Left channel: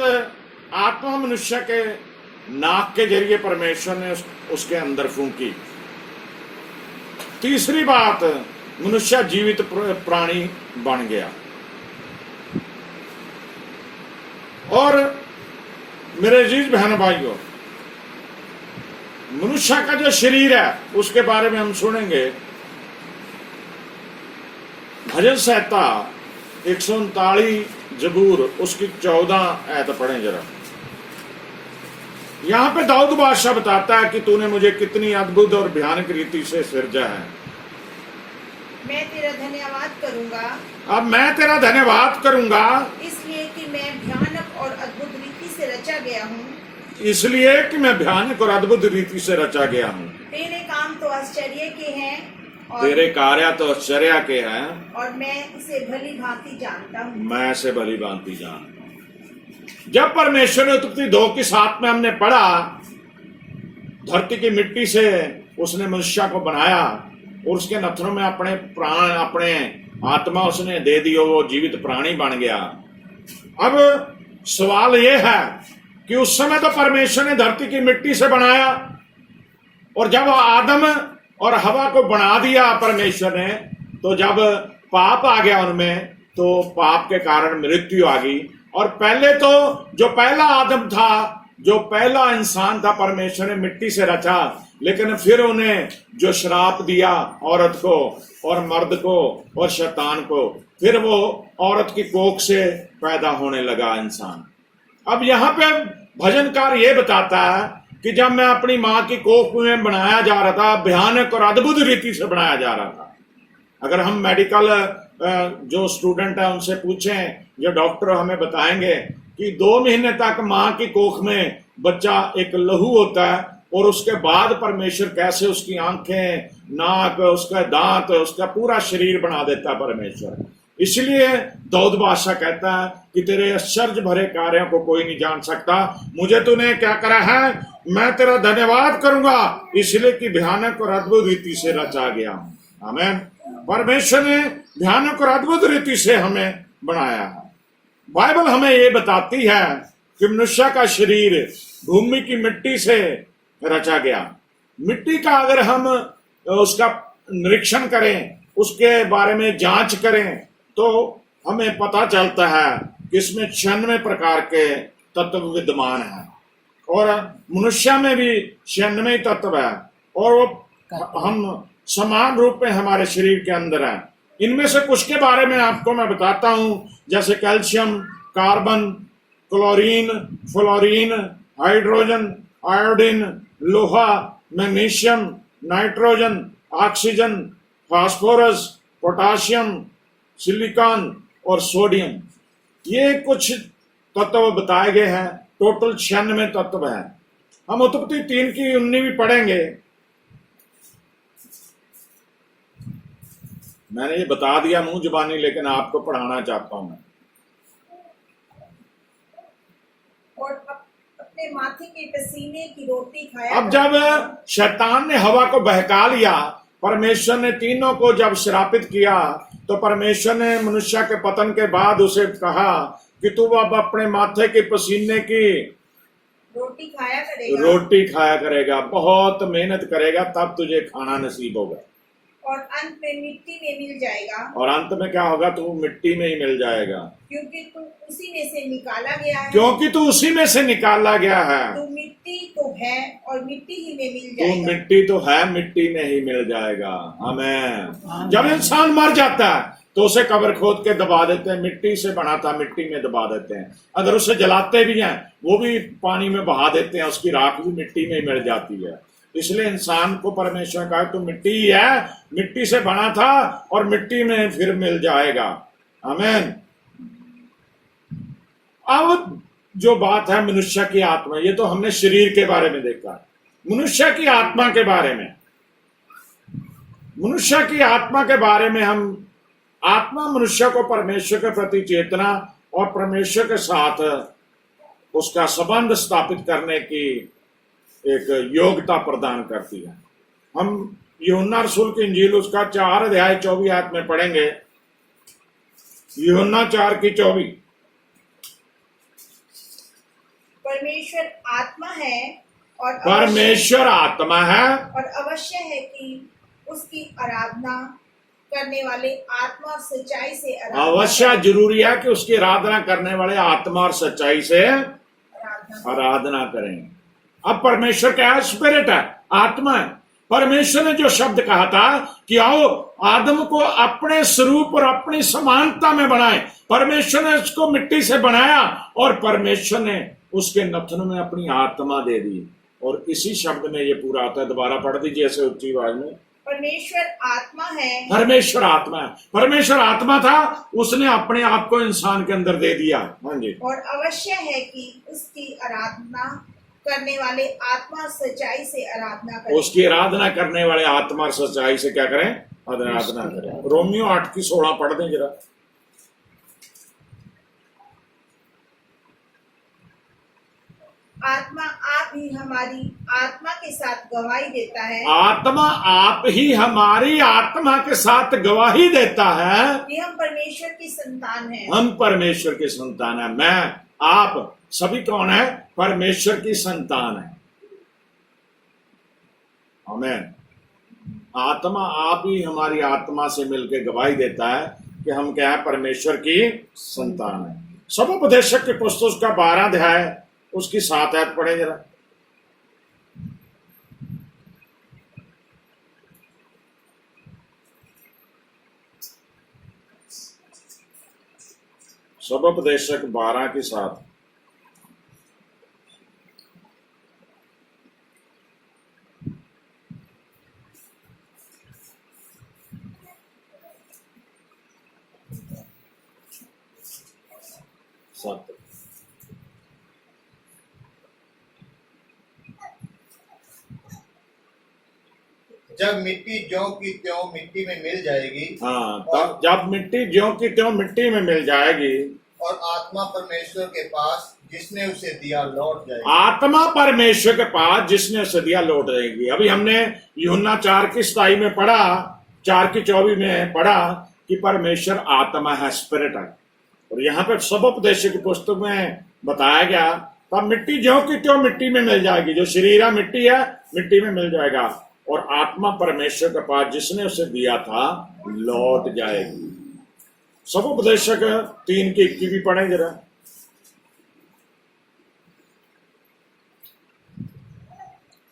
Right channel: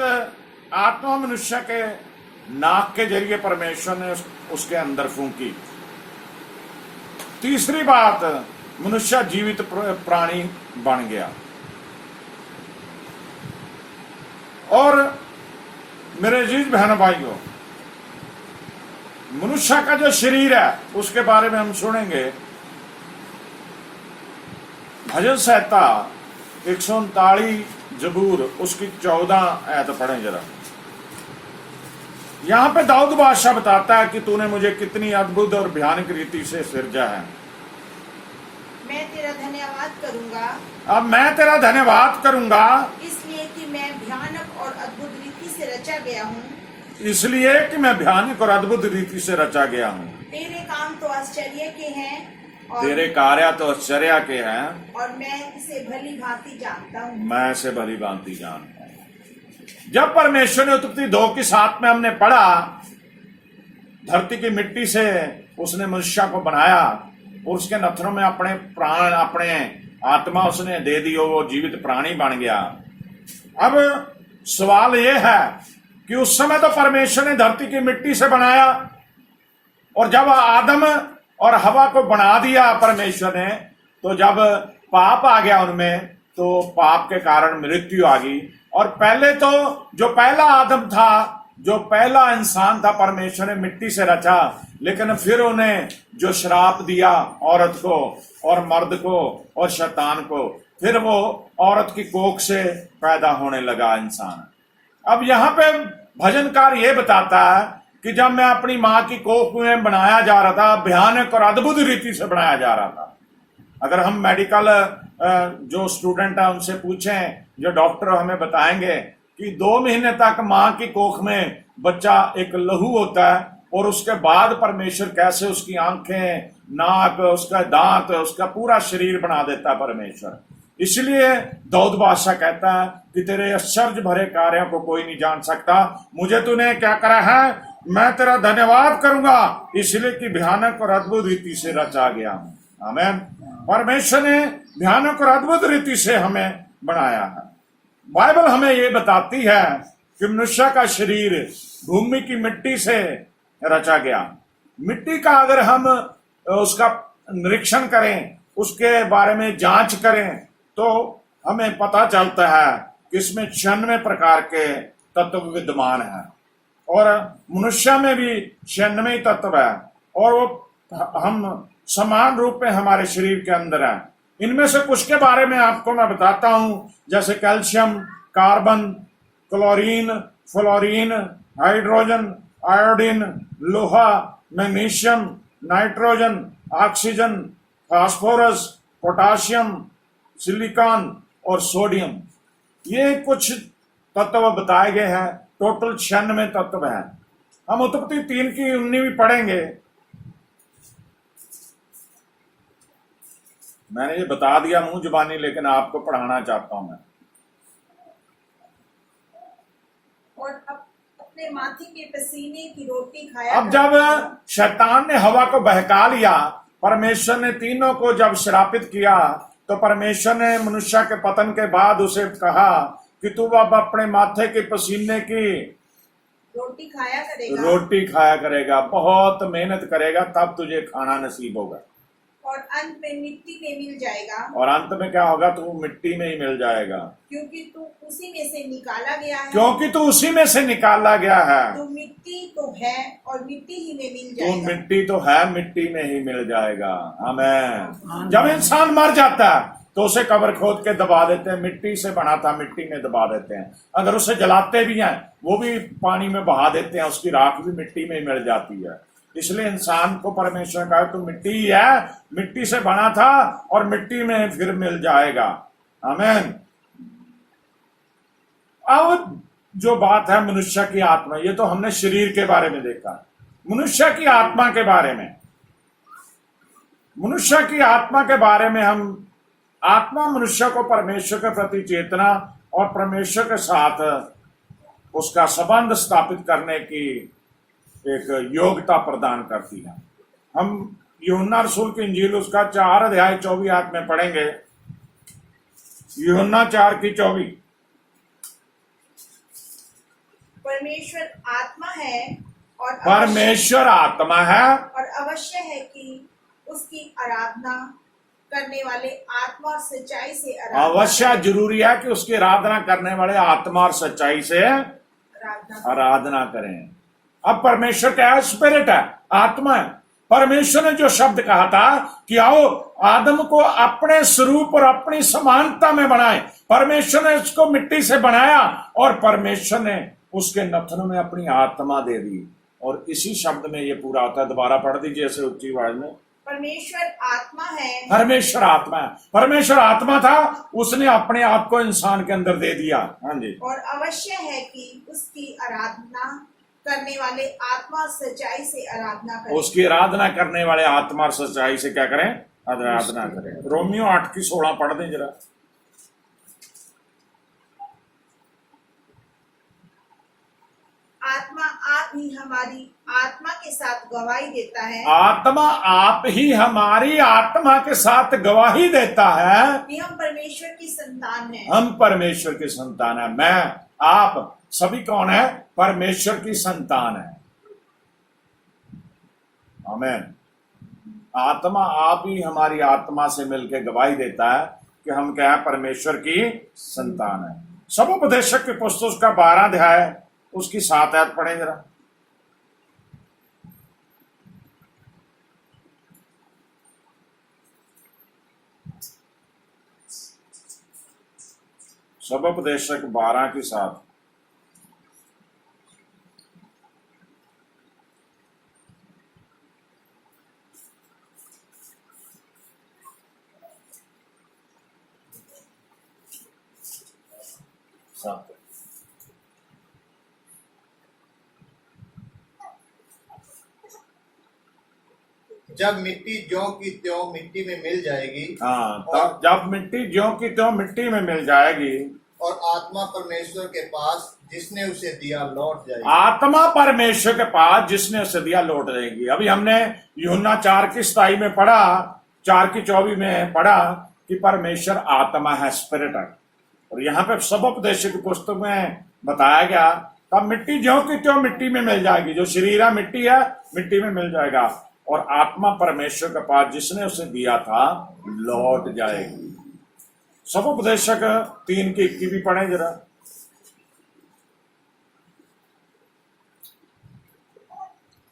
आत्मा मनुष्य के नाक के जरिए परमेश्वर ने उसके अंदर फूंकी। तीसरी बात, मनुष्य जीवित प्राणी बन गया। और मेरे अजीज बहन भाइयों, मनुष्य का जो शरीर है उसके बारे में हम सुनेंगे। भजन संहिता 139 जबूर उसकी 14 आयत पढ़ें जरा। यहां पे दाऊद बादशाह बताता है कि तूने मुझे कितनी अद्भुत और भयानक रीति से सिरजा है। मैं तेरा धन्यवाद करूंगा। अब मैं तेरा धन्यवाद करूंगा इसलिए कि मैं भयानक और अद्भुत रीति से रचा गया हूँ। इसलिए कि मैं भयानक और अद्भुत रीति से रचा गया हूँ। तेरे काम तो आश्चर्य के हैं और तेरे कार्य तो आश्चर्य के हैं और मैं इसे भली भांति जानता हूँ। मैं इसे भली भांति जानता हूँ। जब परमेश्वर ने उत्पत्ति 2:7 में हमने पढ़ा, धरती की मिट्टी से उसने मनुष्य को बनाया और उसके नथनों में अपने प्राण, अपने आत्मा उसने दे दी और वो जीवित प्राणी बन गया। अब सवाल यह है कि उस समय तो परमेश्वर ने धरती की मिट्टी से बनाया और जब आदम और हवा को बना दिया परमेश्वर ने, तो जब पाप आ गया उनमें, तो पाप के कारण मृत्यु आ गई। और पहले तो जो पहला आदम था, जो पहला इंसान था, परमेश्वर ने मिट्टी से रचा, लेकिन फिर उन्हें जो श्राप दिया औरत को और मर्द को और शैतान को, फिर वो औरत की कोख से पैदा होने लगा इंसान। अब यहाँ पे भजनकार ये बताता है कि जब मैं अपनी माँ की कोख में बनाया जा रहा था, भयानक और अद्भुत रीति से बनाया जा रहा था। अगर हम मेडिकल जो स्टूडेंट है उनसे पूछें, जो डॉक्टर हमें बताएंगे कि 2 महीने तक माँ की कोख में बच्चा एक लहू होता है और उसके बाद परमेश्वर कैसे उसकी आंखें, नाक, उसका दांत, उसका पूरा शरीर बना देता है परमेश्वर। इसलिए दाऊद बादशाह कहता है कि तेरे आश्चर्य भरे कार्यों को कोई नहीं जान सकता। मुझे तूने क्या करा है, मैं तेरा धन्यवाद करूंगा इसलिए कि भयानक और अद्भुत रीति से रचा गया हूं। आमीन। परमेश्वर ने भयानक और अद्भुत रीति से हमें बनाया है। बाइबल हमें ये बताती है कि मनुष्य का शरीर भूमि की मिट्टी से रचा गया। मिट्टी का अगर हम उसका निरीक्षण करें, उसके बारे में जांच करें, तो हमें पता चलता है कि इसमें 96 प्रकार के तत्व विद्यमान हैं और मनुष्य में भी 96 तत्व है और वो हम समान रूप में हमारे शरीर के अंदर है। इनमें से कुछ के बारे में आपको मैं बताता हूं, जैसे calcium, carbon, chlorine, fluorine, hydrogen, iodine, लोहा, magnesium, nitrogen, oxygen, phosphorus, potassium, silicon और सोडियम। ये कुछ तत्व बताए गए हैं। टोटल 96 तत्व हैं। हम उत्पत्ति 3 की 19वीं पढ़ेंगे। मैंने ये बता दिया मुंह जुबानी, लेकिन आपको पढ़ाना चाहता हूं मैं। और अपने माथे के पसीने की रोटी खाया। अब जब शैतान ने हवा को बहका लिया, परमेश्वर ने तीनों को जब श्रापित किया, तो परमेश्वर ने मनुष्य के पतन के बाद उसे कहा कि तू अब अपने माथे के पसीने की रोटी खाया करेगा, बहुत मेहनत करेगा, तब तुझे खाना नसीब होगा और अंत में मिट्टी में मिल जाएगा। और अंत में क्या होगा, तू मिट्टी में ही मिल जाएगा, क्योंकि तू उसी में से निकाला गया है। क्योंकि तू उसी में से निकाला गया है। तू मिट्टी तो है और मिट्टी ही में मिल तू जाएगा। मिट्टी तो है, मिट्टी में ही मिल जाएगा। आमीन। जब इंसान मर जाता है तो उसे कब्र खोद के दबा देते हैं, मिट्टी से बना था मिट्टी में दबा देते हैं। अगर उसे जलाते भी हैं, वो भी पानी में बहा देते हैं, उसकी राख भी मिट्टी में मिल जाती है। इसलिए इंसान को परमेश्वर ने कहा तू मिट्टी ही है, मिट्टी से बना था और मिट्टी में फिर मिल जाएगा। आमीन। अब जो बात है मनुष्य की आत्मा, ये तो हमने शरीर के बारे में देखा। मनुष्य की आत्मा के बारे में, मनुष्य की आत्मा के बारे में हम, आत्मा मनुष्य को परमेश्वर के प्रति चेतना और परमेश्वर के साथ उसका संबंध स्थापित करने की एक योग्यता प्रदान करती है। हम यूहन्ना रसूल की इंजील उसका 4 अध्याय 24 आयत में पढ़ेंगे। यूहन्ना 4 की 24। परमेश्वर आत्मा है और परमेश्वर आत्मा है और अवश्य है कि उसकी आराधना करने वाले आत्मा और सच्चाई से अवश्य जरूरी है कि उसकी आराधना करने वाले आत्मा और सच्चाई से आराधना करें। अब परमेश्वर क्या है? स्पिरिट है, आत्मा है। परमेश्वर ने जो शब्द कहा था कि आओ आदम को अपने स्वरूप और अपनी समानता में बनाए, परमेश्वर ने उसको मिट्टी से बनाया और परमेश्वर ने उसके नथन में अपनी आत्मा दे दी। और इसी शब्द में ये पूरा आता है। दोबारा पढ़ दीजिए ऐसे ऊंची आवाज में। परमेश्वर आत्मा है। परमेश्वर आत्मा है। परमेश्वर आत्मा था, उसने अपने आप को इंसान के अंदर दे दिया। हाँ जी। और अवश्य है कि उसकी आराधना करने वाले आत्मा और सच्चाई से आराधना करें। उसकी आराधना करने वाले आत्मा और सच्चाई से क्या करें? आराधना करें। रोमियो 8:16 पढ़ दें जरा। आत्मा आप ही हमारी आत्मा के साथ गवाही देता है। आत्मा आप ही हमारी आत्मा के साथ गवाही देता है कि हम परमेश्वर की संतान हैं। हम परमेश्वर की संतान है। मैं, आप सभी कौन है? परमेश्वर की संतान है। आमीन। आत्मा आप ही हमारी आत्मा से मिलकर गवाही देता है कि हम क्या है? परमेश्वर की संतान है। सबोपदेशक की पुस्तक का 12 अध्याय उसकी 7 आयत पढ़े जरा। सबोपदेशक 12 की 7। जब मिट्टी ज्यों की त्यों मिट्टी में मिल जाएगी। हाँ, तब जब मिट्टी ज्यों की त्यों मिट्टी में मिल जाएगी और आत्मा परमेश्वर के पास जिसने उसे दिया लौट जाएगी। आत्मा परमेश्वर के पास जिसने उसे दिया लौट जाएगी। अभी हमने यूहन्ना 4:27 में पढ़ा, 4:24 में पढ़ा कि परमेश्वर आत्मा है, स्पिरिट है। और यहाँ पे सबोपदेशक की पुस्तक में बताया गया तब मिट्टी ज्यों की त्यों मिट्टी में मिल जाएगी। जो शरीर है मिट्टी है, मिट्टी में मिल जाएगा। और आत्मा परमेश्वर के पास जिसने उसे दिया था लौट जाएगी। सबोपदेशक 3:21 भी पढ़े जरा।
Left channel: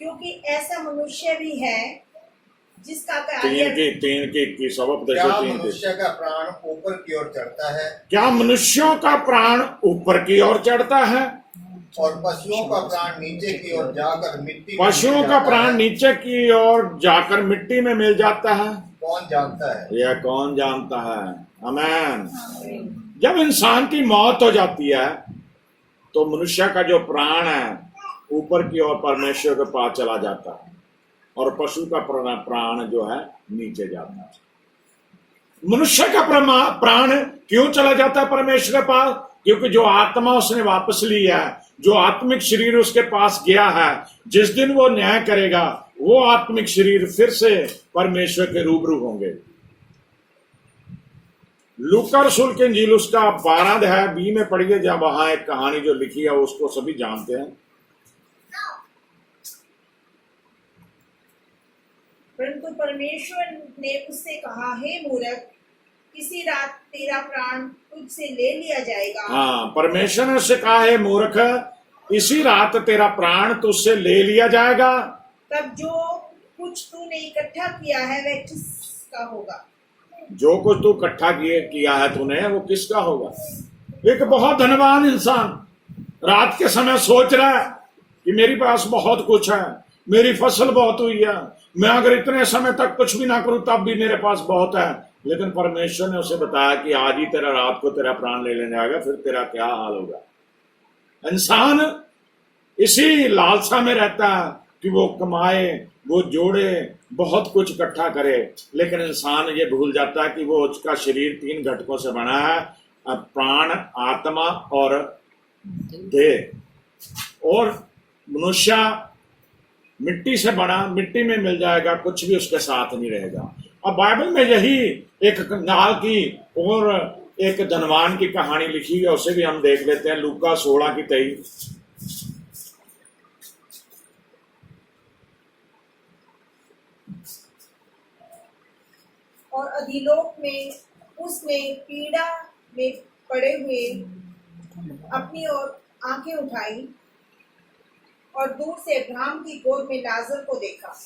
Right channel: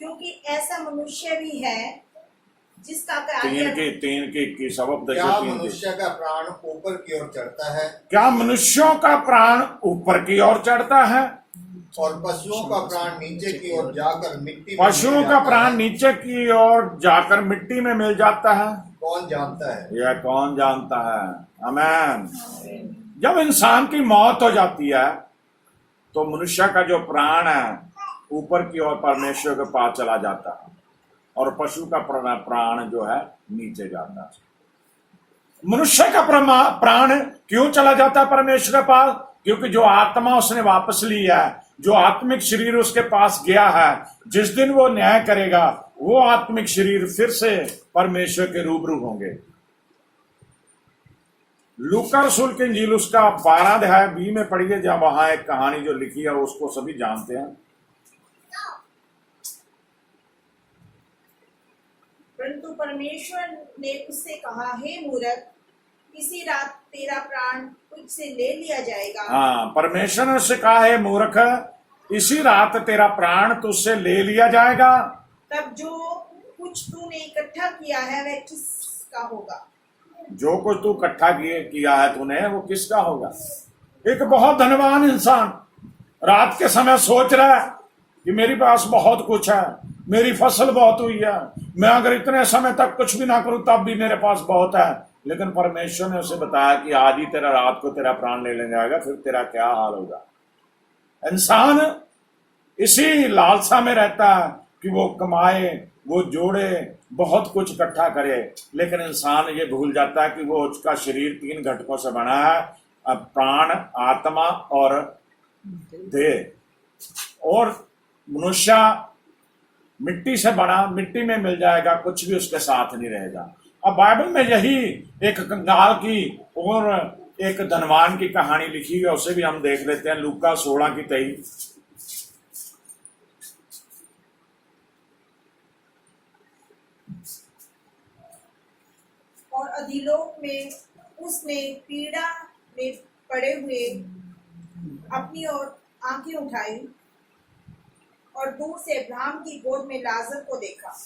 क्योंकि ऐसा मनुष्य भी है जिसका तीन की सबोपदेशक 3 की। मनुष्य का प्राण ऊपर की ओर चढ़ता है। क्या मनुष्यों का प्राण ऊपर की ओर चढ़ता है? और पशुओं का प्राण नीचे की ओर जाकर मिट्टी। पशुओं का प्राण नीचे की ओर जाकर मिट्टी में मिल जाता है। कौन जानता है? यह कौन जानता है? आमीन। जब इंसान की मौत हो जाती है तो मनुष्य का जो प्राण है ऊपर की ओर परमेश्वर के पास चला जाता है और पशु का प्राण जो है नीचे जाता है। मनुष्य का प्राण क्यों चला जाता है परमेश्वर के पास? क्योंकि जो आत्मा उसने वापस ली है, जो आत्मिक शरीर उसके पास गया है, जिस दिन वो न्याय करेगा वो आत्मिक शरीर फिर से परमेश्वर के रूबरू होंगे। लूका रसूल की इंजील उसका 12 अध्याय 20 में पढ़िए, जब वहां एक कहानी जो लिखी है उसको सभी जानते हैं। परंतु परमेश्वर ने उससे कहा, हे मूर्ख, इसी रात तेरा प्राण तुझसे ले लिया जाएगा। हाँ, परमेश्वर ने उससे कहा, हे मूर्ख, इसी रात तेरा प्राण तुझसे ले लिया जाएगा। तब जो कुछ तूने इकट्ठा किया है वह किसका होगा? जो कुछ तू इकट्ठा किया है तूने वो किसका होगा? एक बहुत धनवान इंसान रात के समय सोच रहा है कि मेरे पास बहुत कुछ है, मेरी फसल बहुत हुई है, मैं अगर इतने समय तक कुछ भी ना करूं तब भी मेरे पास बहुत है। लेकिन परमेश्वर ने उसे बताया कि आज ही तेरा रात को तेरा प्राण ले जाएगा, फिर तेरा क्या हाल होगा। इंसान इसी लालसा में रहता है कि वो कमाए, वो जोड़े, बहुत कुछ इकट्ठा करे, लेकिन इंसान ये भूल जाता है कि वो उसका शरीर 3 घटकों से बना है, प्राण, आत्मा और देह। और मनुष्य मिट्टी से बना, मिट्टी में मिल जाएगा, कुछ भी उसके साथ नहीं रहेगा। अब बाइबल में यही एक कंगाल की और एक धनवान की कहानी लिखी है, उसे भी हम देख लेते हैं। लूका 16:23। और अधिलोक में उसने पीड़ा में पड़े हुए अपनी ओर आंखें उठाई और दूर से अब्राहम की गोद में लाजर को देखा।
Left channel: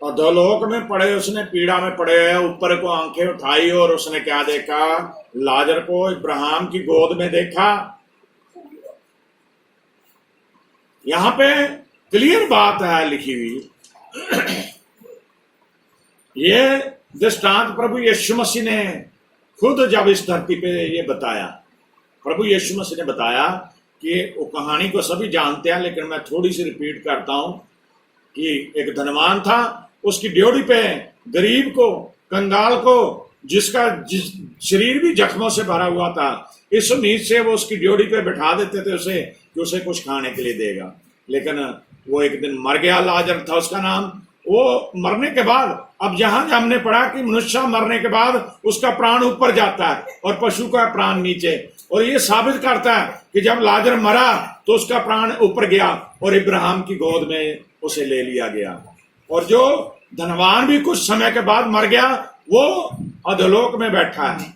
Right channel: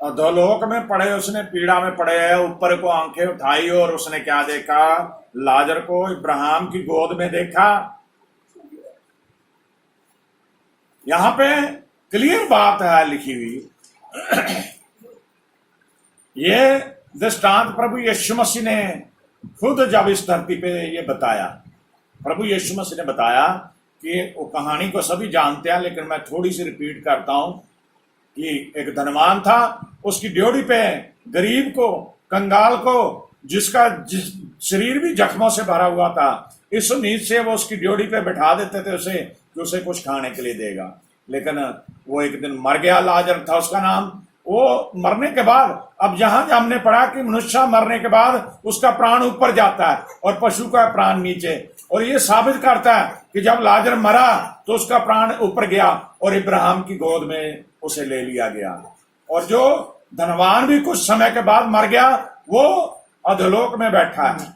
अधोलोक में पड़े, उसने पीड़ा में पड़े हुए ऊपर को आंखें उठाई और उसने क्या देखा? लाजर को इब्राहिम की गोद में देखा। यहां पे क्लियर बात है लिखी हुई। ये दृष्टांत प्रभु यीशु मसीह ने खुद जब इस धरती पे ये बताया, प्रभु यीशु मसीह ने बताया कि वो कहानी को सभी जानते हैं, लेकिन मैं थोड़ी सी रिपीट करता हूं कि एक धनवान था, उसकी ड्योढ़ी पे गरीब को, कंगाल को, जिसका शरीर भी जख्मों से भरा हुआ था, इस उम्मीद से वो उसकी ड्योढ़ी पे बैठा देते थे उसे कि उसे कुछ खाने के लिए देगा। लेकिन वो एक दिन मर गया, लाजर था उसका नाम। वो मरने के बाद, अब जहां हमने पढ़ा कि मनुष्य मरने के बाद उसका प्राण ऊपर जाता है और पशु का प्राण नीचे, और ये साबित करता है कि जब लाजर मरा तो उसका प्राण ऊपर गया और इब्राहिम की गोद में उसे ले लिया गया। और जो धनवान भी कुछ समय के बाद मर गया, वो अधोलोक में बैठा है,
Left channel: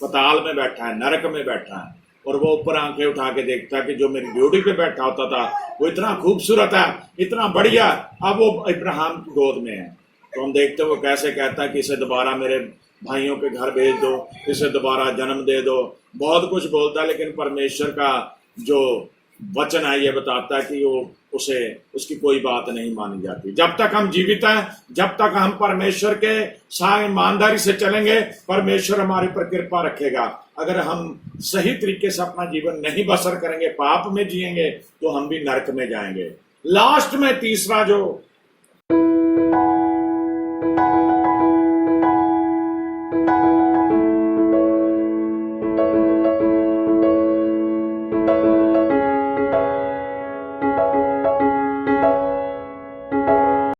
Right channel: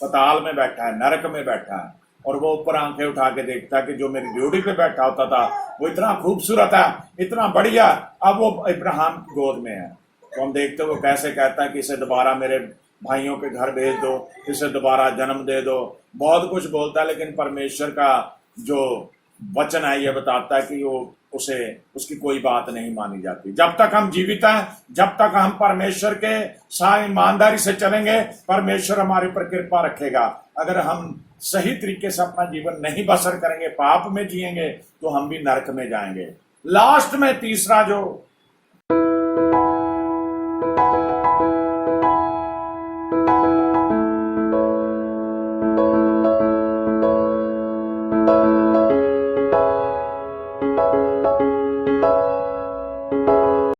पताल में बैठा है, नरक में बैठा है, और वो ऊपर आंखें उठा के देखता है कि जो मेरी ड्यूटी पे बैठा होता था वो इतना खूबसूरत है, इतना बढ़िया, अब वो इब्राहिम की गोद में है। तो हम देखते हो वो कैसे कहता है कि इसे दोबारा मेरे भाइयों के घर भेज दो, इसे दोबारा जन्म दे दो, बहुत कुछ बोलता है। लेकिन परमेश्वर का जो वचन है ये बताता है कि वो उसे उसकी कोई बात नहीं मानी जाती। जब तक हम जीवित हैं, जब तक हम परमेश्वर के साथ ईमानदारी से चलेंगे, परमेश्वर हमारे ऊपर कृपा रखेगा। अगर हम सही तरीके से अपना जीवन नहीं बसर करेंगे, पाप में जिएंगे, तो हम भी नरक में जाएंगे। लास्ट में तीसरा जो